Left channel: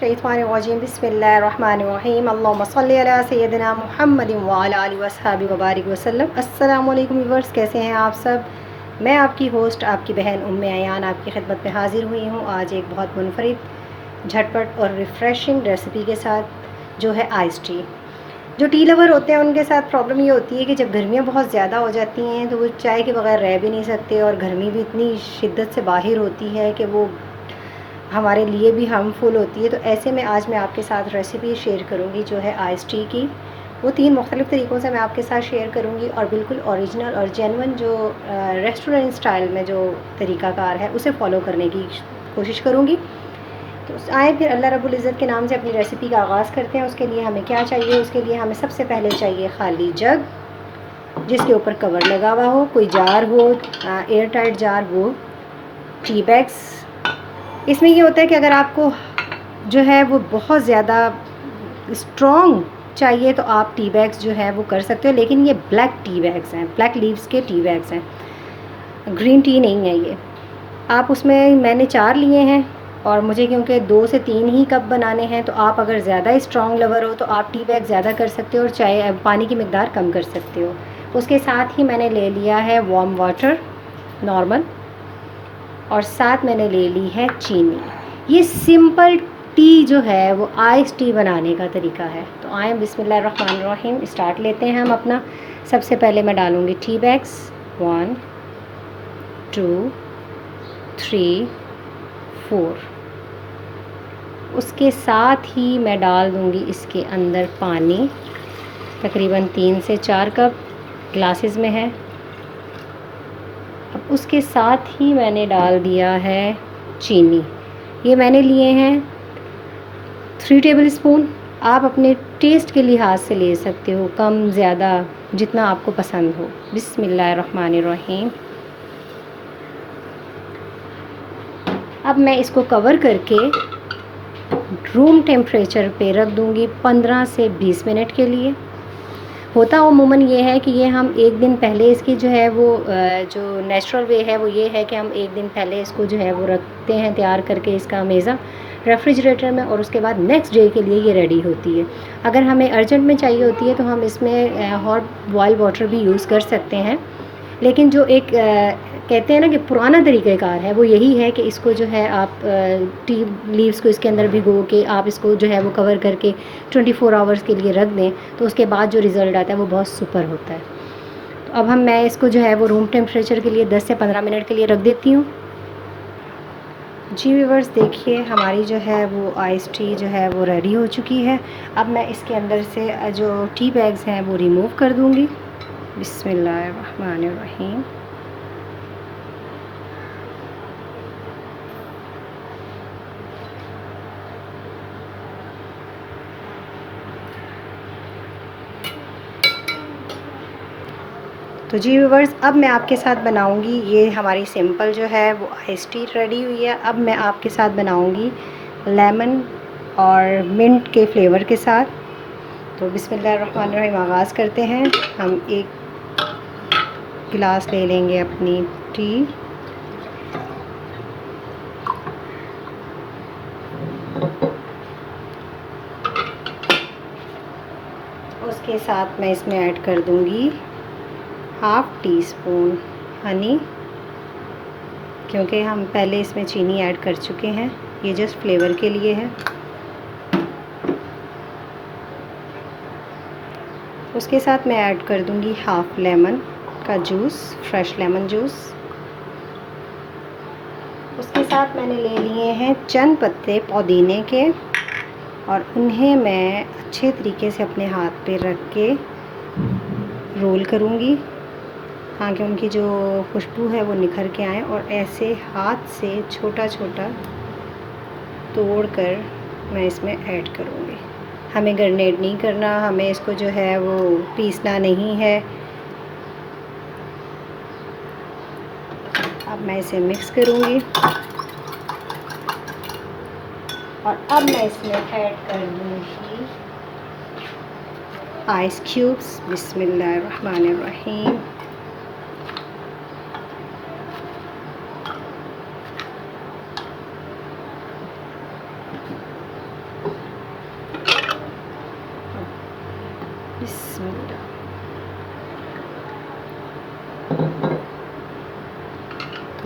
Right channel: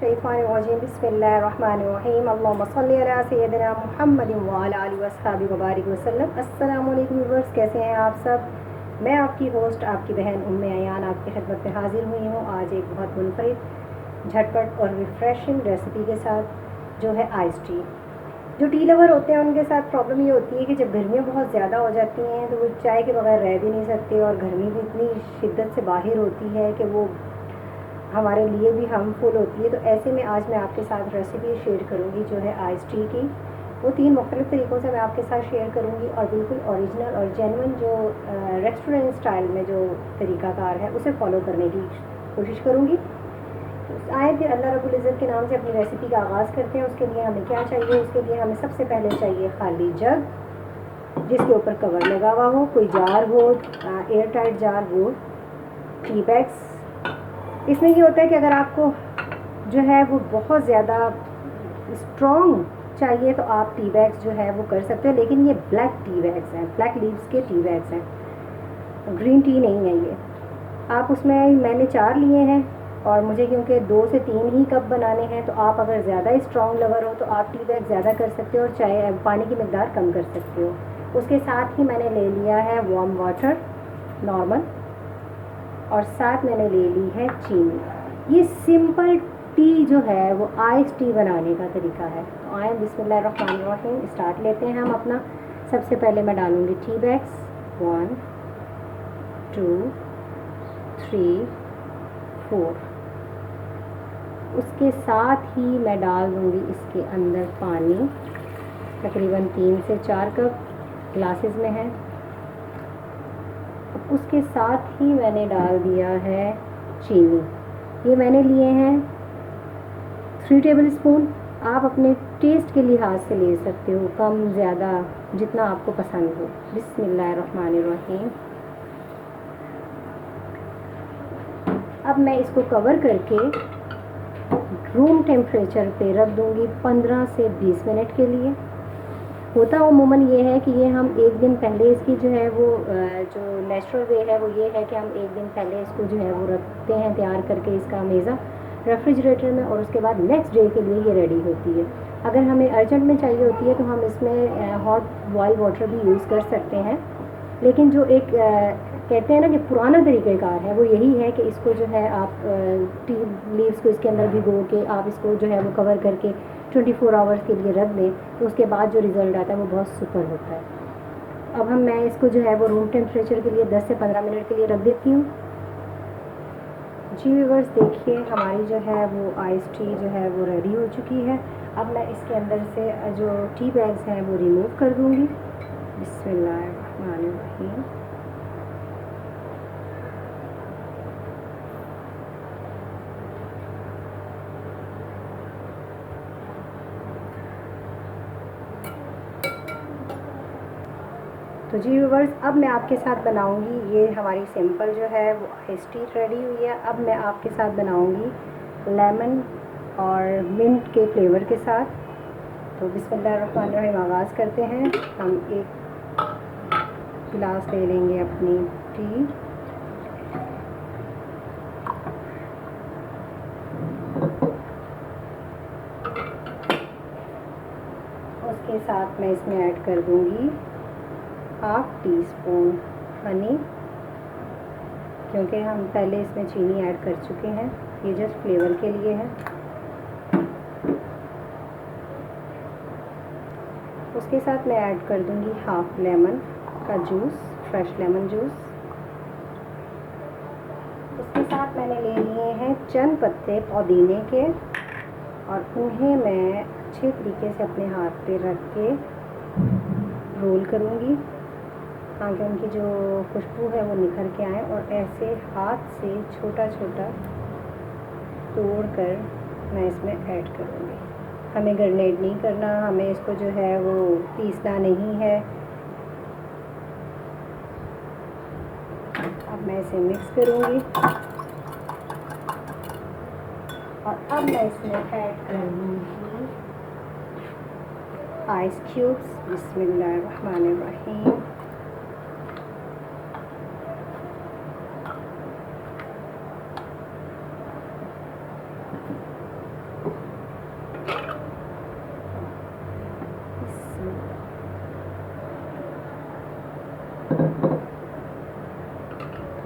मिनश्शैतानिर्रजीम बिस्मिल्लाहिर्रहमानिर्रहीम अल्लाहुम्मा सल्लि अला सय्यदिना मुहम्मदिन व अला आलिहि वस्हबिहि व बारिक वसल्लम। अस्सलामु अलैकुम व्यूअर्स, कैसे हैं आप सब। मैं आपकी होस्ट आपकी बहन उम्मे अयान आपकी खिदमत में हाजिर हुई हूँ आज एक बहुत मुनफरिद झटपट और रिफ़्रेशिंग रेसिपी के साथ, जो है आइस टी। जो टी लवर होते हैं उनके साथ प्रॉब्लम ये होती है कि जब गर्मियाँ बहुत ज़्यादा हो जाती हैं तो वो चाय के बगैर रह भी नहीं सकते, और गर्मी भी इतनी शिद्दत से बाहर होती है कि वो हमारे लिए भी हार्मफुल होती है। तो ऐसे में आज मैं आपके साथ रेसिपी शेयर करूंगी जो है आइस टी की। वो 3 मुख्तलिफ़ तरीक़ों से मैं आपके साथ शेयर करूंगी और बिल्कुल ओरिजिनल और जेन्युइन जो रेस्टोरेंट स्टाइल में जो तरीक़ाकार है उसे फॉलो करने की कोशिश करूंगी। तो आए फिर अल्लाह रब्बुल इज़्ज़त के नाम से अपनी रेसिपी का आगाज़ करते हैं। उसके लिए हमें क्या चाहिए, उसके लिए हमें सबसे पहले चाहिए खाली जग जिसके ऊपर कवर लगा हुआ हो, कोई जार हो, एयर टाइट जार हो, टी बैग्स। इसमें ये होता है कि अगर आपको जो है वो बहुत ज़्यादा स्ट्रॉन्ग चाहिए तो आप टी बैग्स जो है वो कर सकते हो, लेकिन ये ब्लैक टी बैग्स हैं, ब्लैक लीव्स के टी बैग्स हैं, ग्रीन टी नहीं है ये। आप उसमें मैंने 4 लिए हैं और मुझे क्योंकि 2 से 3 ही कप बनाने हैं, तो आप अगर ज़्यादा स्ट्रॉन्ग लवर हो तो आप टी बैग ज़्यादा कर सकते हो और चाय पानी की मकदार कम कर सकते हो। उसके साथ ही मैंने ले लिया है वार्म वाटर नॉर्मल, और साथ मैंने ले ली है चीनी। ये सिंपल टी जो है वो आइस टी बनाने का तरीका है। तो आए बिस्मिल्लाहिर्रहमानिर्रहीम स्टार्ट लेते हैं हम अपना। सबसे पहले मैं डालूँगी टी बैग्स 1 2 3 4। उसके साथ ही मैं डाल दूँगी इसके अंदर पानी, तकरीबन 3 से 4 कप ग्लासेस में है। अब उसके साथ ही मैंने डाल दिया है चीनी। ये मैंने लिए हैं 3 टेबल स्पून। आप अपने टेस्ट के लिहाज से ले सकते हो, कम ज़्यादा जितना आपको पसंद हो। बिस्मिल्लाहिर्रहमानिर्रहीम। अब मैं इसको कवर करके रूम टेम्परेचर पे रख दूँगी 15 से 20 मिनट के लिए। होता अमूमन ये है कि ये हम एक दिन पहले इसकी जो है वो जो नेचुरल वे है वो ये है कि हम एक दिन पहले इसको जो है वो रखते हैं तैयार करके इसका मेज़ा रेफ्रिजरेटर में, और उसके बाद नेक्स्ट डे के लिए ये रेडी होती है। अगर हमें अर्जेंट में चाहिए होती है तो हम इसमें हॉट बॉयल वाटर भी यूज़ कर सकते हैं, लेकिन जो एक कहते हैं ना कि पुराना तरीक़ाकार है वो यही है कि इसको जो है आप टी लीव्स को इसके अंदर भिगो के आप इसको जो है वो कवर करके 24 आवर्स के लिए रख दें, तो उसके बाद जो रिज़ल्ट आता है वो बहुत सुपर होता है। तो अब मैं इसको जो है वो रूम टेम्परेचर के लिए 10 से 15 मिनट के लिए रख देती हूँ। जी व्यूअर्स, देखिए हमारी जो है वो आइस टी जो है वो रेडी हो चुकी है। अब मैं इसके अंदर से जो टी बैग्स हैं वो रिमूव कर दूँगी। बिस्मिल्लाहिर्रहमानिर्रहीम। तो जी व्यूअर्स, अब मैं आपके साथ बनाऊंगी, ये हमारी सिंपल जो है वो आइस टी रेडी हुई है। अब मैं आपके साथ बनाऊंगी लेमन और मिंट के फ्लेवर के साथ। तो बिस्मिल्लाहिर्रहमानिर्रहीम आगाज़ करते हैं। हम एक गिलास ले लेंगे अपनी टी, उसके साथ मैं इसमें ऐड कर दूंगी हाफ़ टी स्पून हनी, क्योंकि हम पहले इसमें चीनी ऐड कर चुके हैं, ये जस्ट फ्लेवर के लिए है। उसके साथ मैं ऐड कर दूंगी हाफ़ लेमन का जूस, फ्रेश लेमन जूस। उसके साथ मैंने ले लिए हैं चंद पत्ते पुदीने के, और उन्हें मैं अच्छे तरीके से अपने हाथ पे रख के रोल करूँगी, हाँ कि उनकी जो खुशबू है वो निखर के आए। और ऐसे हाथ से छोटा छोटा तोड़ कर मैं इसमें ऐड करूँगी। हमें ग्रेनेड नहीं करना, हमें इसको जो है वो पीसना नहीं है। अब मैं इसे मिक्स करूँगी और अब मैं इसमें ऐड कर दूँगी आइस क्यूब्स। बिस्मिल्लाहिर्रहमानिर्रहीम।